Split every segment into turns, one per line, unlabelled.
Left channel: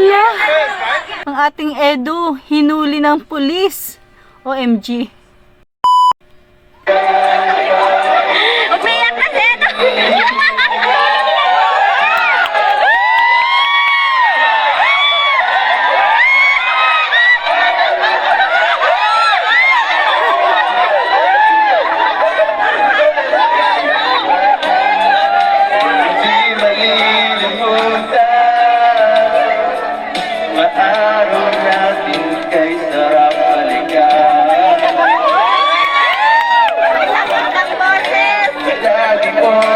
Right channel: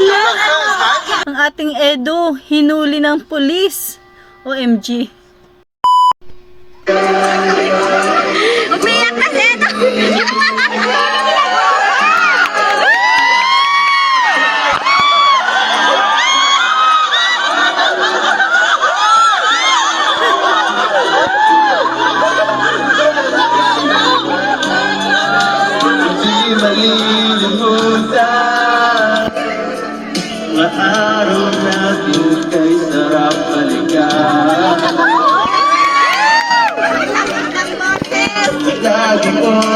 Hala! Ang ating Edo, hinuli ng pulis. OMG.
Umiyak kasi ito.
Di malilimutan Lagi kong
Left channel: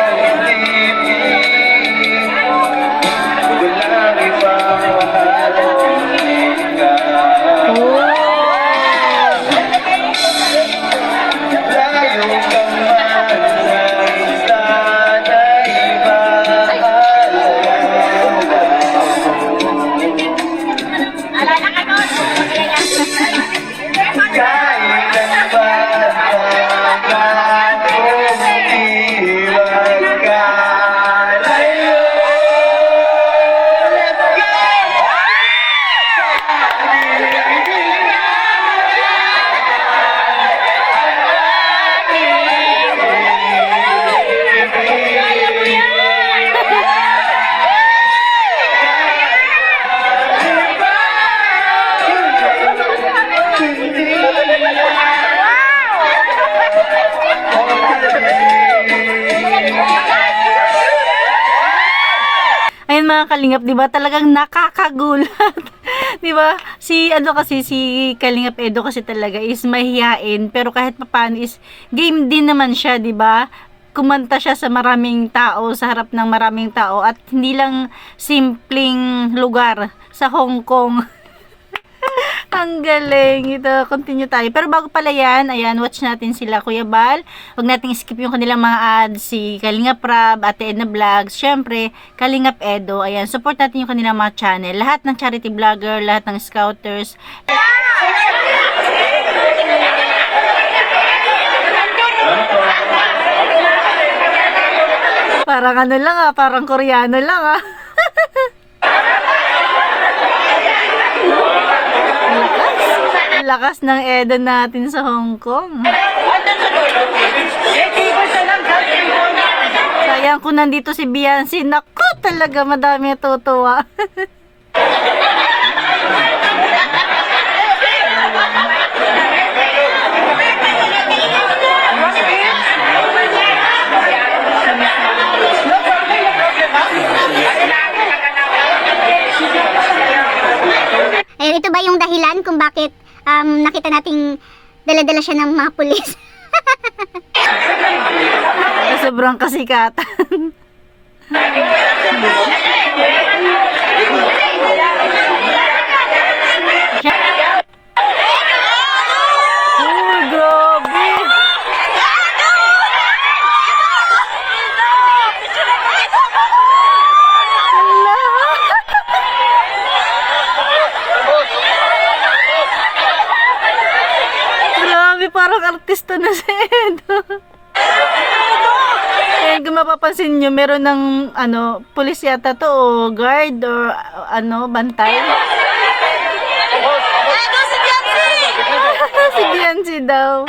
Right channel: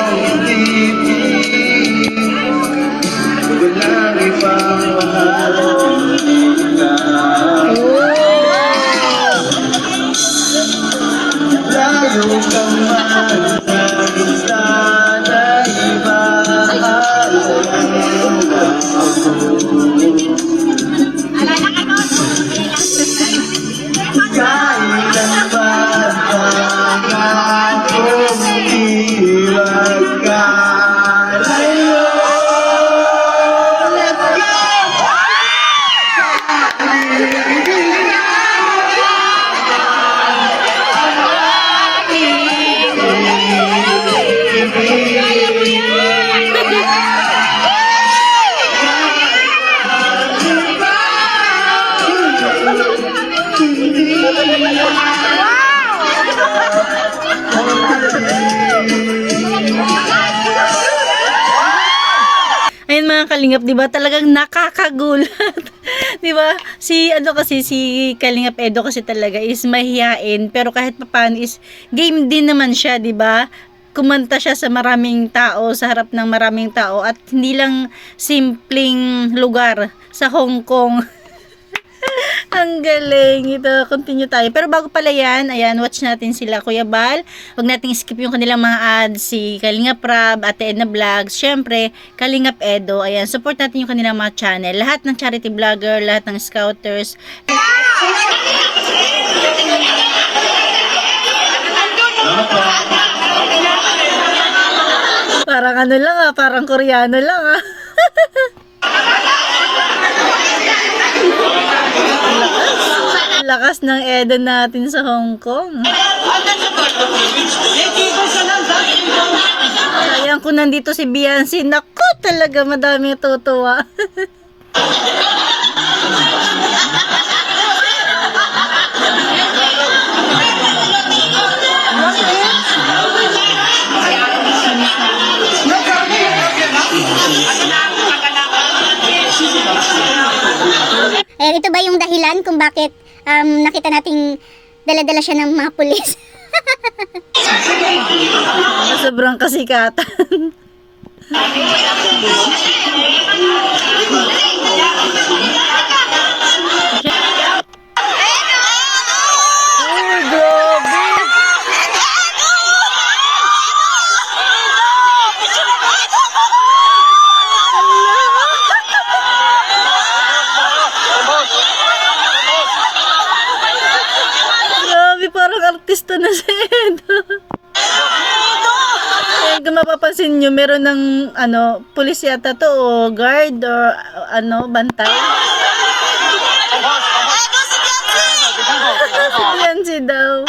Ayun mga kalingap, 'di ba? Talagang nakakagulat. 'Di ba? Si ano kasi si Kalingap Edo kasi talaga is mahihain pero kahit papaano is game din naman siya, 'di ba? Kumanta siya sa maraming tao, sa harap ng maraming tao at hindi lang simpleng lugar sa Hong Kong. Ang galing. Ito, continue tayo. Pero bago pala yan, ayan, watch natin sila, Kuya Bal. Huwag nating skip yung kanilang mga ads, si Kalingap Rab, Ate Edna Vlogs, syempre, Kalingap Edo. Ayan, support natin yung kanilang mga channel. Lahat ng charity vlogger, lahat ng scouters. Parang ano lang ah, parang koreano lang ah. Ang lakas ng Edo natin sa Hong Kong. Sayang kung nandito si Beyonce. Naku, talaga madami tutuwa.
Ayan, ito ba yung dahilan kung bakit um, nakita nating dala-dala siya ng mga pulis?
Sobrang kasikatan. parang artista na si Edo. Eh, kung mapapansin nyo, meron ng, ano, pulis yata to, o guard, or, ano, bantay. si Beyonce daw.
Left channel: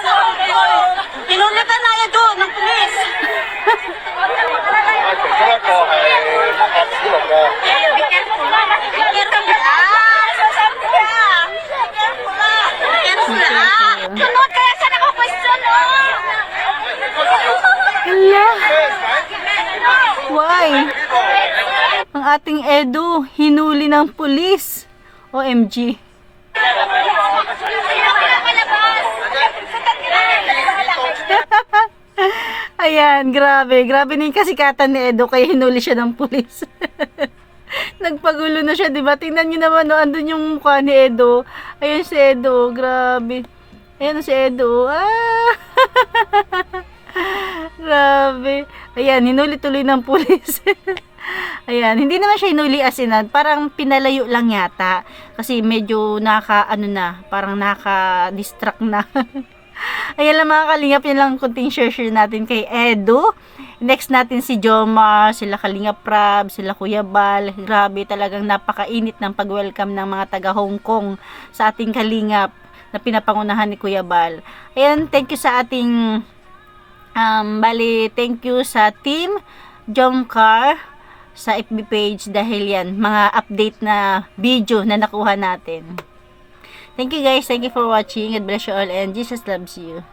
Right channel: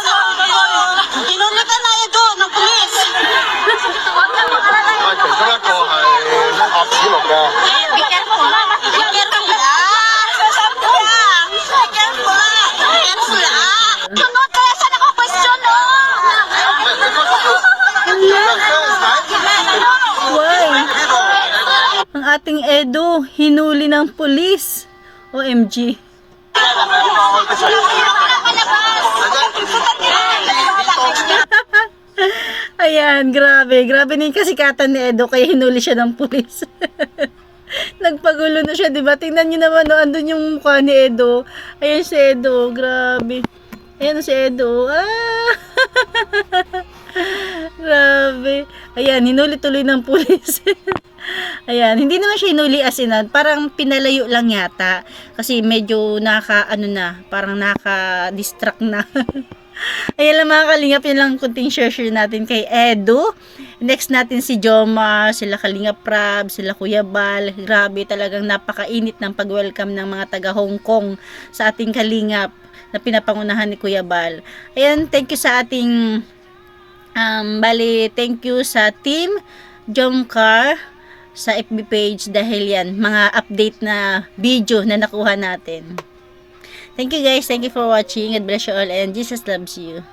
Sunod kaya saan ako question, no?
Ala, why? Ang ating Edo, hinuli ng pulis. OMG. Ayan, grabe. Grabe na yung kasikatan ni Edo kaya hinuli siya ng pulis. Nagpagulo na siya, di ba? Tingnan niyo naman, no, andun yung mukha ni Edo. Ayan si Edo, grabe. Ayan si Edo. Ah! grabe. Ayan, hinuli tuloy ng pulis. Ayan, hindi naman siya hinuli as in, ah, parang pinalayo lang yata. Kasi medyo naka, ano na, parang naka-distract na. Ayan lang mga kalingap, yun lang kunting share-share natin kay Edo. Next natin si Jomar, sila Kalingap Prab, sila Kuya Bal. Grabe, talagang napakainit ng pag-welcome ng mga taga Hong Kong sa ating Kalingap na pinapangunahan ni Kuya Bal. Ayan, thank you sa ating um, bali, thank you sa team Jomcar sa FB page dahil yan, mga update na video na nakuha natin. Thank you guys. Thank you for watching. God bless you all and Jesus loves you.